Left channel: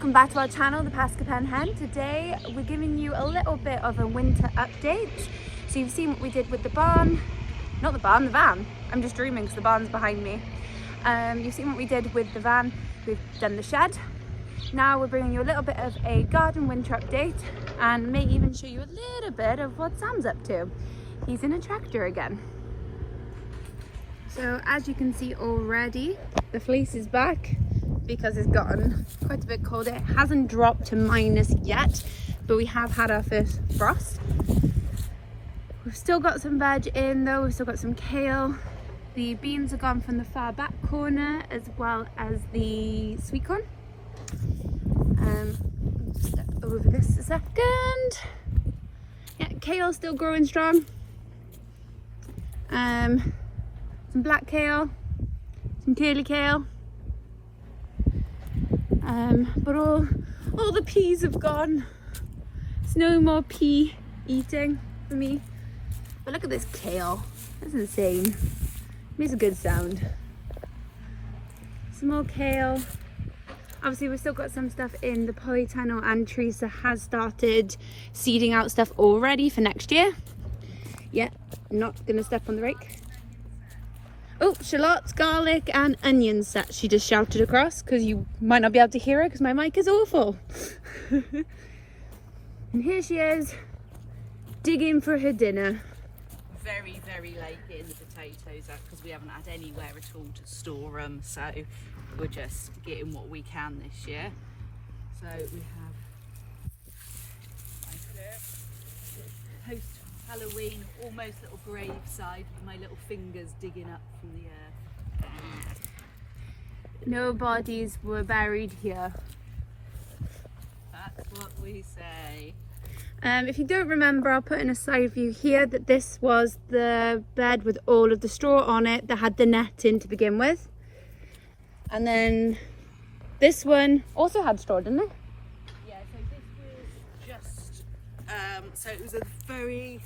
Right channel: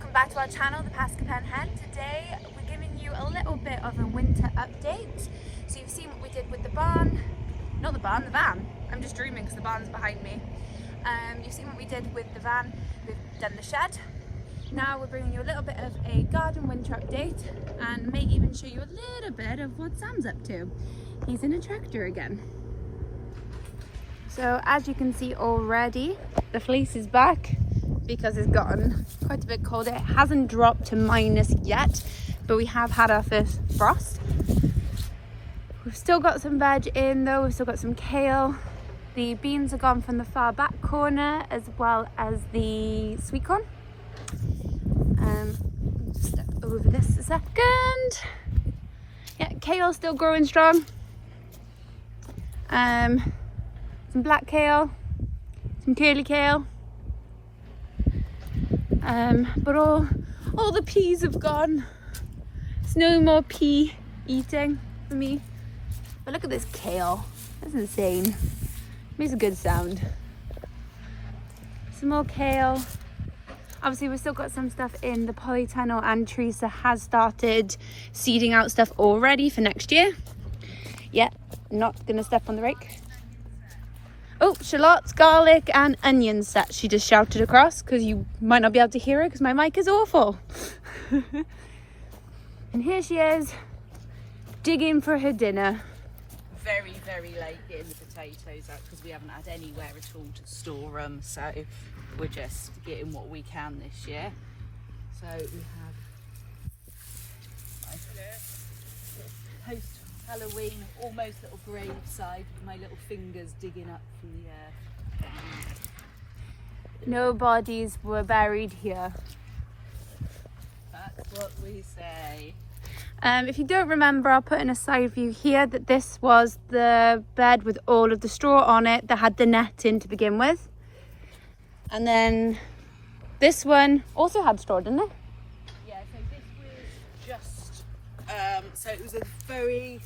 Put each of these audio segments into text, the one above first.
welcome back to our channel, The Pascapen Hen. Today we're giving you a little bit of a winter update. So you've seen what we did with the barn, not the barn, the van. I'm just dreaming because the barn's behind me. You've seen what we did with the van, we've done the shed. Now we're bringing you a little bit of a garden winter update and may even show you a little bit of what Sam's up to. He's in a tractor again. So as you can see already, the fleece is back because it's gotten quite a bit colder. It hasn't dropped to minus yet, but we have had our first frost. We've still got some veg in though, we've still got some kale. The beans are gone from the far back corner as well as the sweet corn. Step over this a second. Yeah, kale's still growing strong. Some black kale, some curly kale. But all the peas have gone. There's no more pea eating for me. But look at this kale. That's insane. Makes a good sound. Some more kale. Obviously we've still got some stuff in the polytunnel, and Teresa has started seeding out stuff already for next year. Yeah, not gonna step on the rake. Oh, shallots, garlic and onion set, she just shouted across, because you might not be able to hear her because my mic is awful. And here she is, digging for her dinner. Very, very late getting the potatoes up because we haven't had anywhere at all to store them. So we're just getting what we can this year. So we have post-Halloween, almost little graveside with my little fingers digging up from the earth. No bodies were buried here. That's what we say. If you don't remember, I'll put in a side view here that this was the bed with all of the straw on it that had the net in to begin with. And then this one also had straw, didn't it? Yeah, so this was just, so it was a very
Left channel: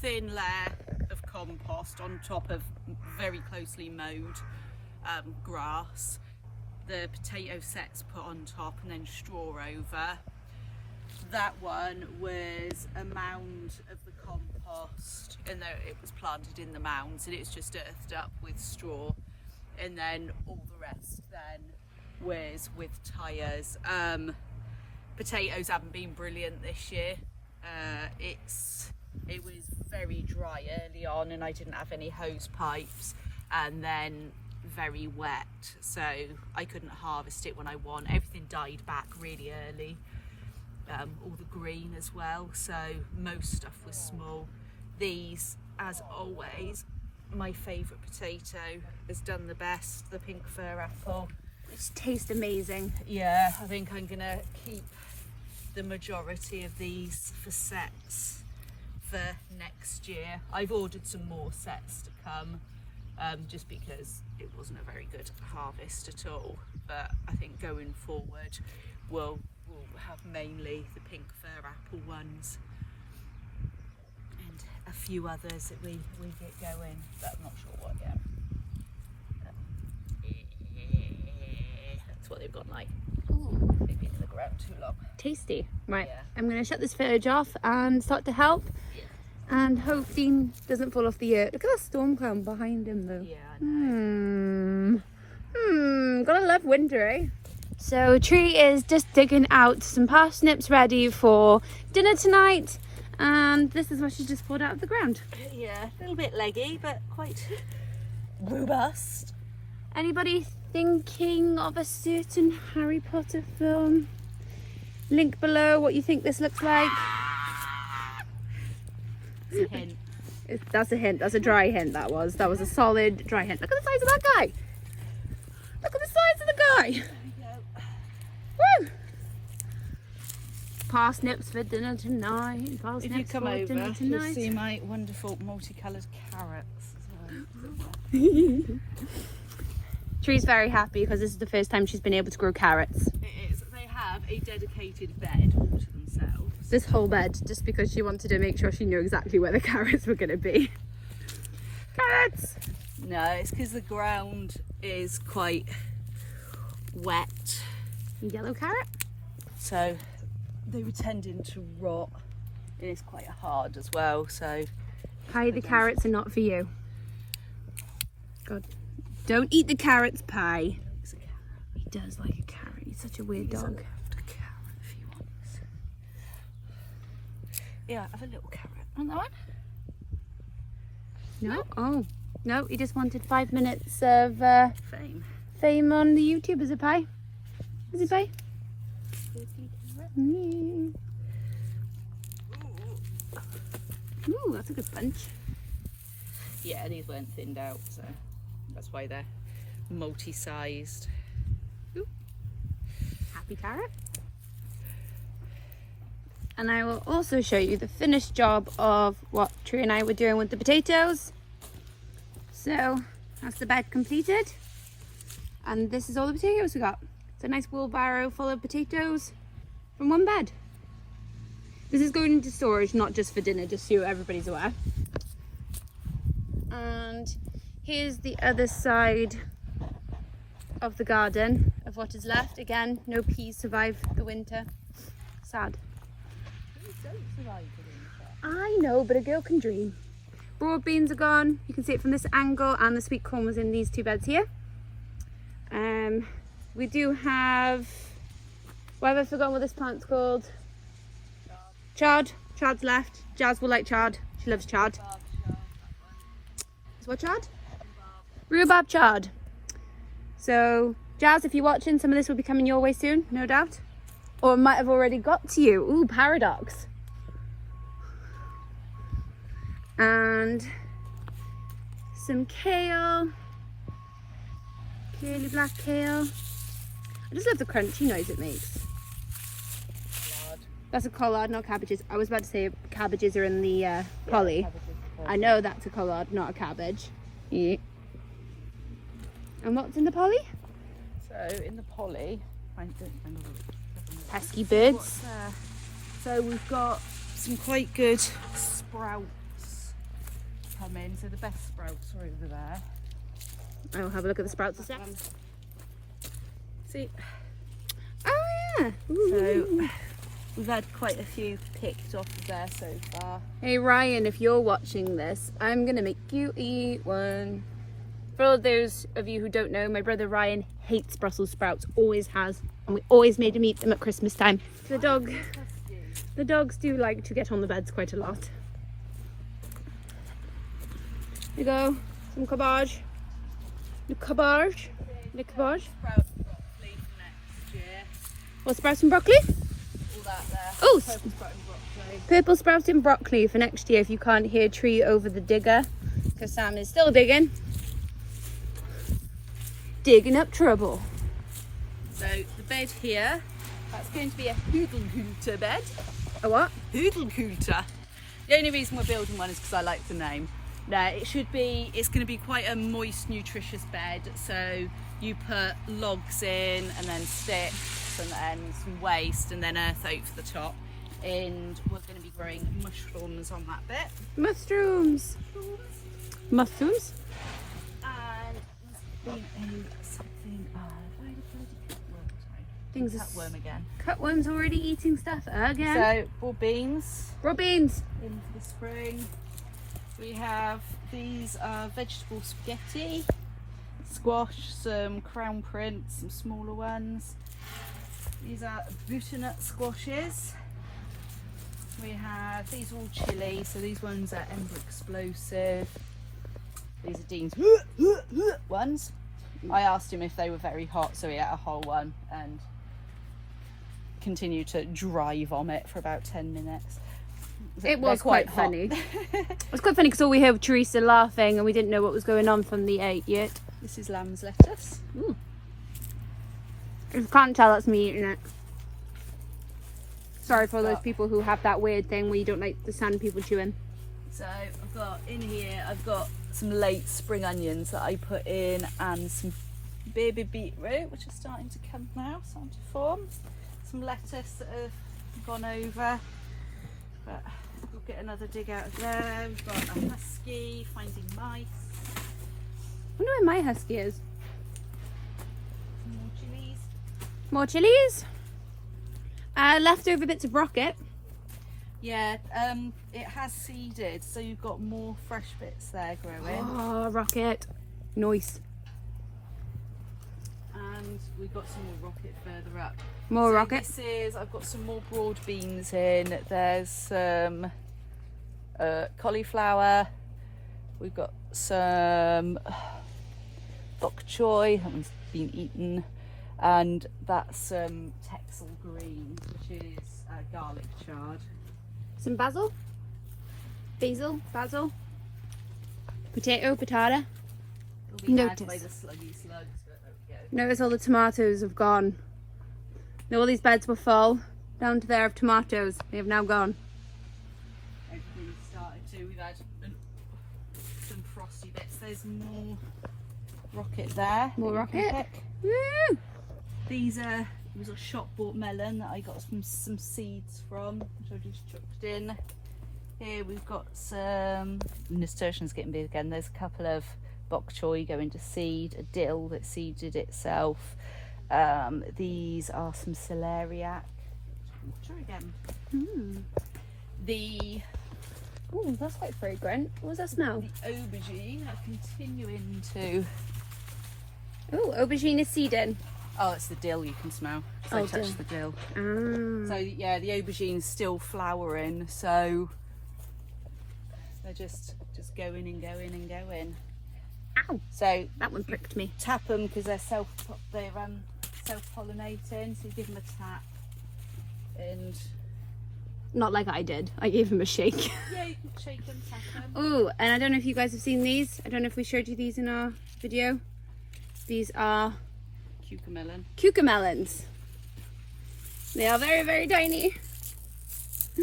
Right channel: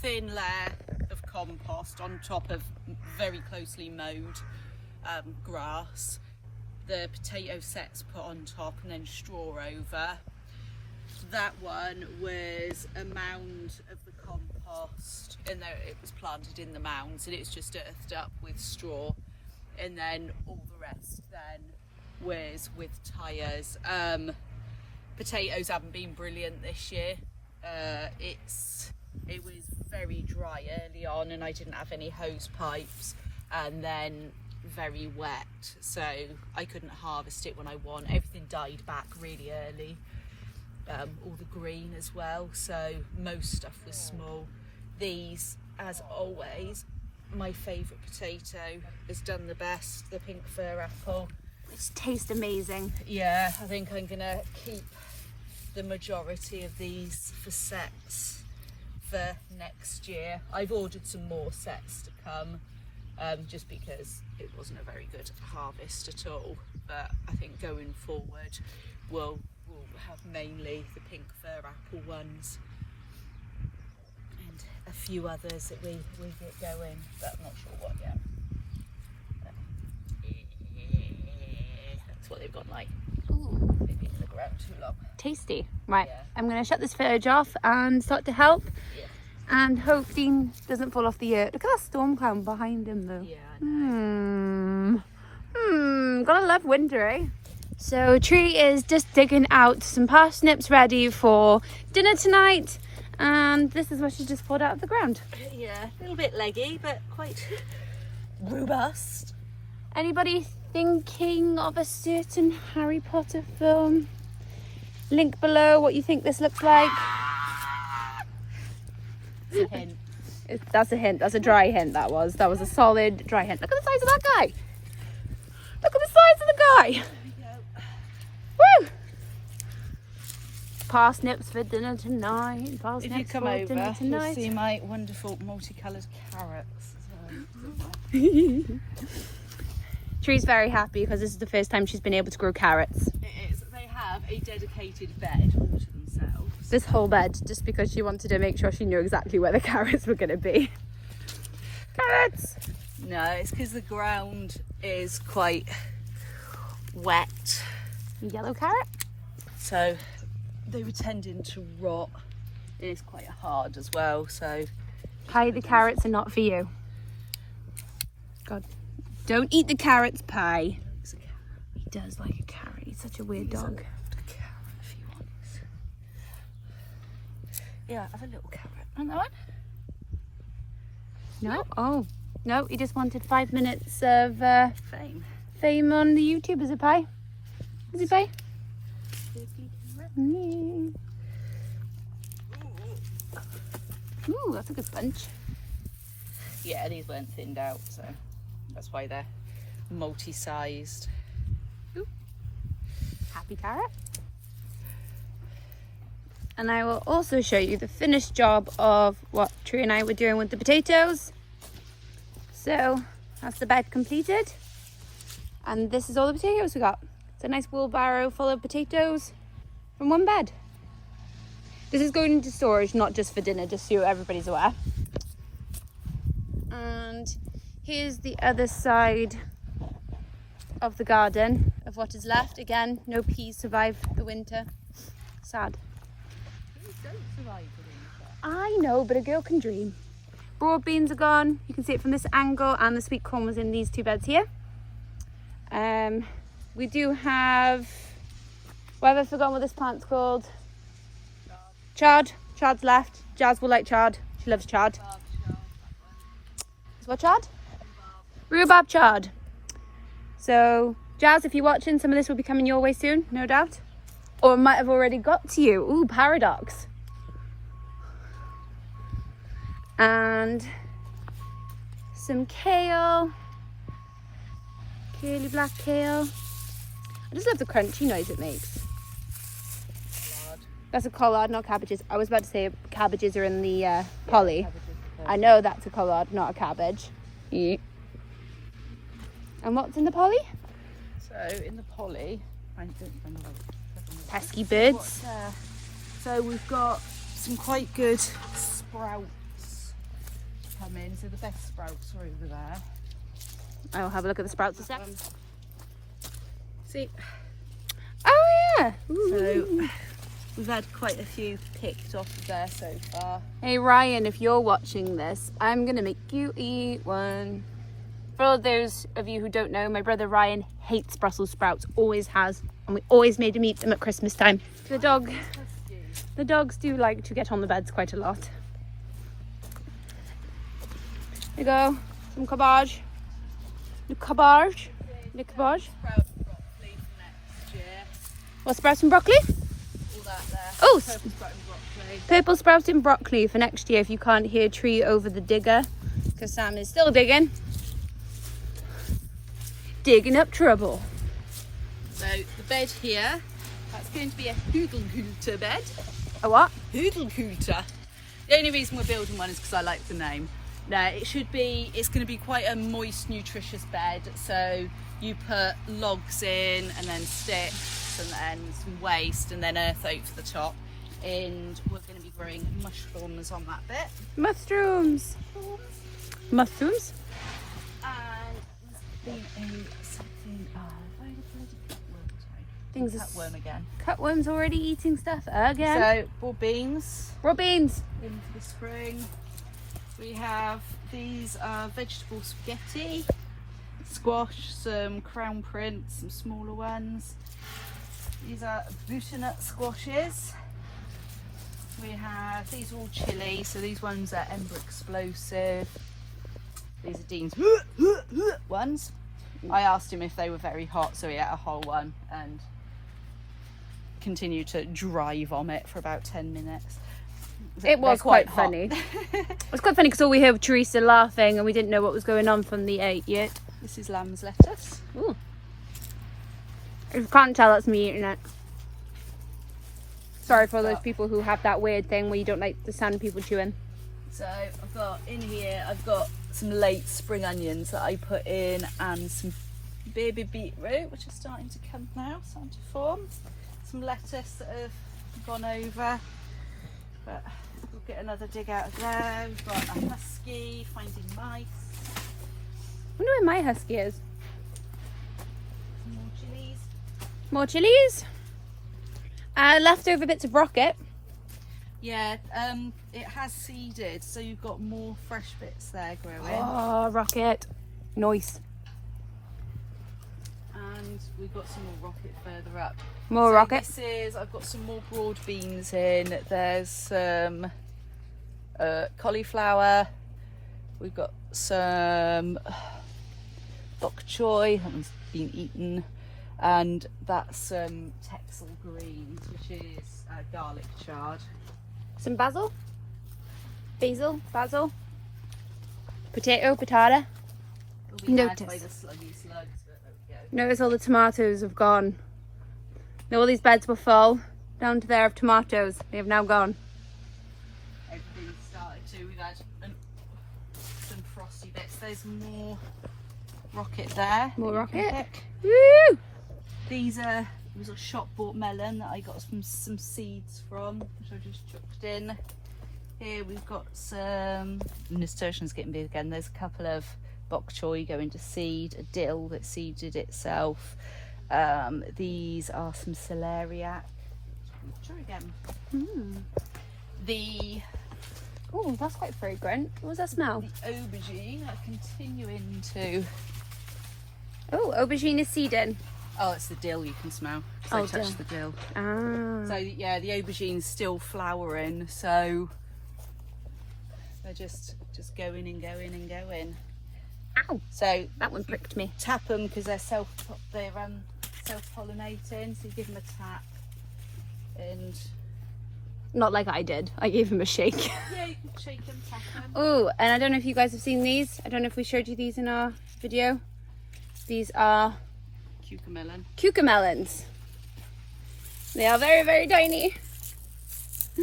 thin layer of compost on top of very closely mowed grass. The potato sets put on top and then straw over. That one was a mound of the compost, and it was planted in the mounds, and it was just earthed up with straw, and then all the rest then was with tyres. Potatoes haven't been brilliant this year. It was very dry early on, and I didn't have any hose pipes, and then very wet, so I couldn't harvest it when I want. Everything died back really early. All the green as well, so most stuff was small. These, as always, my favourite potato has done the best, the pink fir apple. It tastes amazing. Yeah, I think I'm gonna keep the majority of these for sets for next year. I've ordered some more sets to come, just because it wasn't a very good harvest at all, but I think going forward we'll have mainly the pink fir apple ones and a few others that we get going, but I'm not sure what yet. That's what they've got like. Ooh. They've been in the ground too long. Tasty. Right, Yeah. I'm going to shut this footage off and start to help. Yeah. And hope Dean doesn't fall off the earth. Look at that storm cloud behind him though. Yeah, I know. Gotta love winter, eh? So Tree is just digging out some parsnips ready for dinner tonight, and this is what she just pulled out of the ground. Yeah, a little bit leggy, but quite robust. Anybody thinking of a certain Harry Potter film? Link below what you think this looks like. It's a hint. That's a hint. That's a dry hint. That was a solid dry hint. Look at the size of that guy. Look at the size of the guy. Woo! Parsnips for dinner tonight. If you Parsnips come for over, dinner you'll tonight. see my wonderful multicoloured carrots as well. Tree's very happy because this is the first time she's been able to grow carrots. It is. They have a dedicated bed all to themselves. This whole bed, just because she wanted to make sure she knew exactly where the carrots were going to be. Carrots! No, it's because the ground is quite wet. Yellow carrot? so they were tending to rot. It is quite hard as well, so. Pie, the carrots are not for you. God, don't eat the carrots, Pie. He does like a carrot. He's such a weird dog. Yeah, have a little carrot. Want that one? No? Oh. No, he just wanted 5 minutes of fame on the YouTube. Is it, Pie? Is it, Pie? Ooh, that's a good bunch. Yeah, these weren't thinned out, so that's why they're multi-sized. Ooh. Happy carrot. And I will also show you the finished job of what Tree and I were doing with the potatoes. So that's the bed completed. And this is all the potatoes we got. It's a nice wheelbarrow full of potatoes from one bed. This is going into storage, not just for dinner, just so everybody's aware. And here's the other side of the garden of what is left. Again, no peas survived the winter. Sad. I know, but a girl can dream. Broad beans are gone. You can see it from this angle, and the sweet corn was in these 2 beds here. We do have, what have I forgotten what this plant's called? Chard. Chard's left. Jazz will like chard. She loves chard. What chard? Rhubarb chard. So, Jazz, if you're watching, some of this will be coming your way soon, no doubt. Or it might have already got to you. Ooh, paradox. And some kale. Curly black kale. I just love the crunchy noise it makes. That's a collard, not cabbages. I was about to say cabbages are in the poly. I know that's a collard, not a cabbage. Yeah. And what's in the poly? So in the poly, pesky birds. So we've got some quite good sprouts come in. So the best sprouts are over there. I'll have a look at the sprouts a sec. See? Oh yeah. So we've had quite a few picked off of there so far. Hey Ryan, if you're watching this, I'm gonna make you eat one. For those of you who don't know, my brother Ryan hates Brussels sprouts, always has, and we always made him eat them at Christmas time. The dogs do like to get on the beds quite a lot. There you go, some cabbage. The cabbage. The cabbage. What, sprouts and broccoli? Oh, purple sprouts and broccoli for next year if you can't hear Tree over the digger, because Sam is still digging. Digging up trouble. So the bed here, that's going to be a hoodle-hooter bed. A what? Hoodle-hooter. The only reason we're building one is because I like the name. Now it's going to be quite a moist, nutritious bed. So you put logs in and then sticks and then some waste and then earth over the top. And we're going to be growing mushrooms on that bit. Mushrooms. Mushrooms. Things Cutworm again. Cutworm's already eating stuff again. So raw beans. Raw beans. In for the spring. We have these vegetable spaghetti, squash, some crown prince, some smaller ones. These are butternut squashes. We have these are all chili, so these ones are Ember Explosive. These are Dean's ones. I asked him if they were very hot, so he ate a whole one and continued to dry vomit for about 10 minutes. It was quite funny. It was quite funny because all we heard was Teresa laughing and we didn't know what was going on from the 8 yet. This is lamb's lettuce. Ooh. If you can't tell, that's me eating it. Sorry for those people who have that weird thing where you don't like the sound of people chewing. So I've got in here, I've got some late spring onions that I put in and some baby beetroot, which is starting to come now, starting to form. Some lettuce that have gone over, but we'll get another dig out of there. We've got a husky finding mice. I wonder where my husky is. More chilies. More chilies. Leftover bits of rocket. Yeah, it has seeded, so you've got more fresh bits there growing. Oh, rocket. Nice. And we've got some more rocket further up. More so rocket. I've got some more broad beans in. There's some cauliflower. We've got some bok choy, that one's been eaten. And that's Texel greens, which is garlic chard. Some basil. Basil. Potato. Notice. Notice all the tomatoes have gone. Now all these beds were full, down to there of tomatoes. They have now gone. Everything's started to. We've had some frosty bits. There's more rocket there. More rocket. Woo! These are, it was a shop bought melon that I got some seeds from, which I just chucked in. Here we've got some, nasturtium's getting big again. There's a couple of bok choy going to seed, a dill that seeded itself. These are some celeriac. Try again. Oh, that's quite fragrant. What was that smell? The aubergine are continuing to. Oh, aubergine is seeded. Oh, it's the dill you can smell. So I touched the dill. Ah. So yeah, the aubergine's still flowering, so they're just going and going and going. Ow! So That one pricked me. tap them because they're self-pollinating. So you give them a tap, and Not like I did. I gave him a shake. yeah, you can shake them, tap them. Oh, and I don't know if you guys have seen these. I don't know if we showed you these in our video. These are Cucamelon. cucamelons. They are very, very tiny. So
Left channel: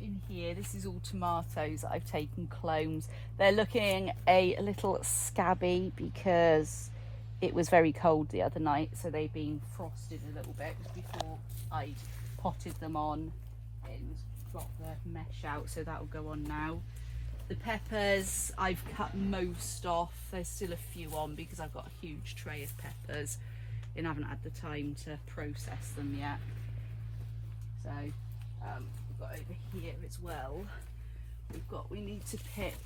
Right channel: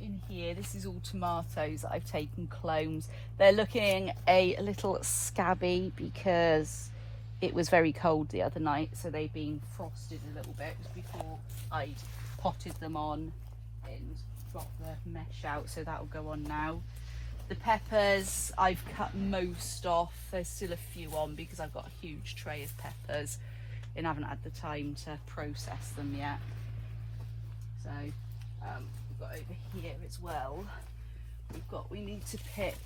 in here, this is all tomatoes that I've taken clones. They're looking a little scabby because it was very cold the other night, so they've been frosted a little bit before I'd potted them on and got the mesh out, so that'll go on now. The peppers, I've cut most off. There's still a few on because I've got a huge tray of peppers and haven't had the time to process them yet. So we've got over here as well. We need to pick.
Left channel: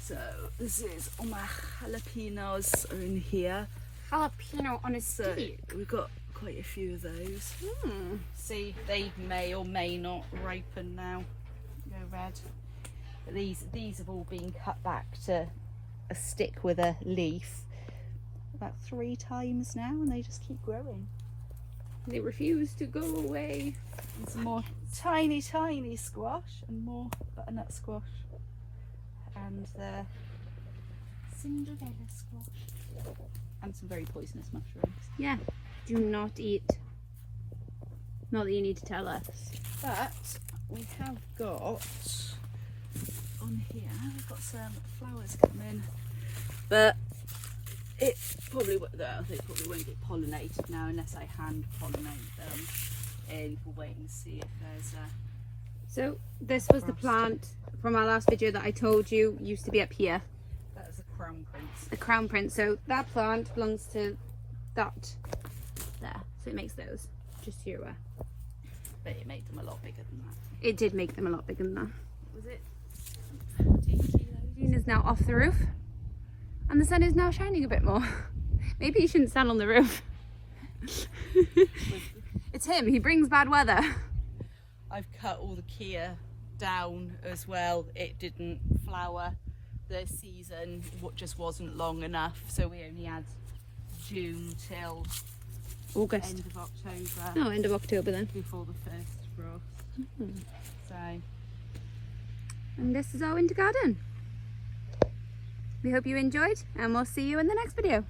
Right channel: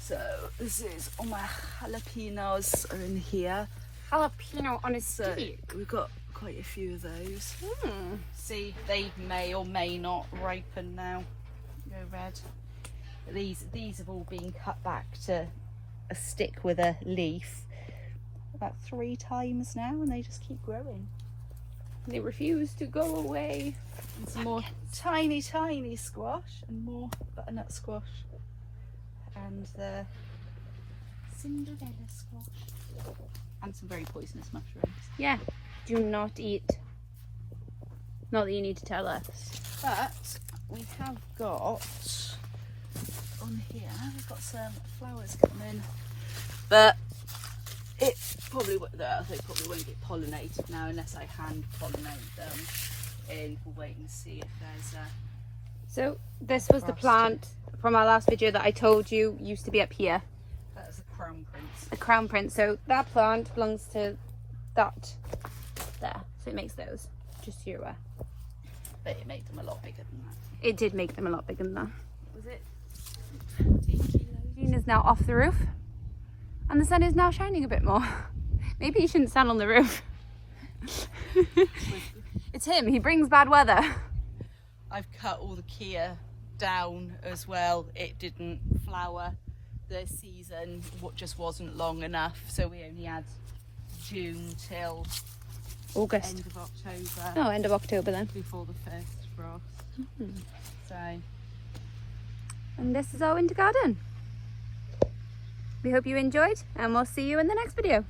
So this is all my jalapenos are in here. Jalapeno on a So stick. we've got quite a few of those. See, they may or may not ripen now. Go red. But these have all been cut back to a stick with a leaf about 3 times now, and they just keep growing. They refuse to go away. And some more tiny squash and more butternut squash and the Cinderella squash and some very poisonous mushrooms. Yeah. Do not eat. Not that you need to tell us. But we have got on here, we've got some flowers coming, but it probably they probably won't get pollinated now unless I hand pollinate them. And we'll wait and see if there's a. So this was the plant from our last video that I told you used to be up here. That's a crown prince. The crown prince. So that plant belongs to that there. So it makes those. Just so you're aware. But it made them a lot bigger than that. It did make them a lot bigger than that. Was it? Is now off the roof and the sun is now shining a bit more. Maybe you shouldn't stand on the roof. It's him, he brings bad weather. I've cut all the Kia down as well. It didn't flower this season, what just wasn't long enough, so we only had June till August. end of October. Oh, end of October then. Before the first frost. So and this is our winter garden. We hope you enjoyed and we'll see you in the next video.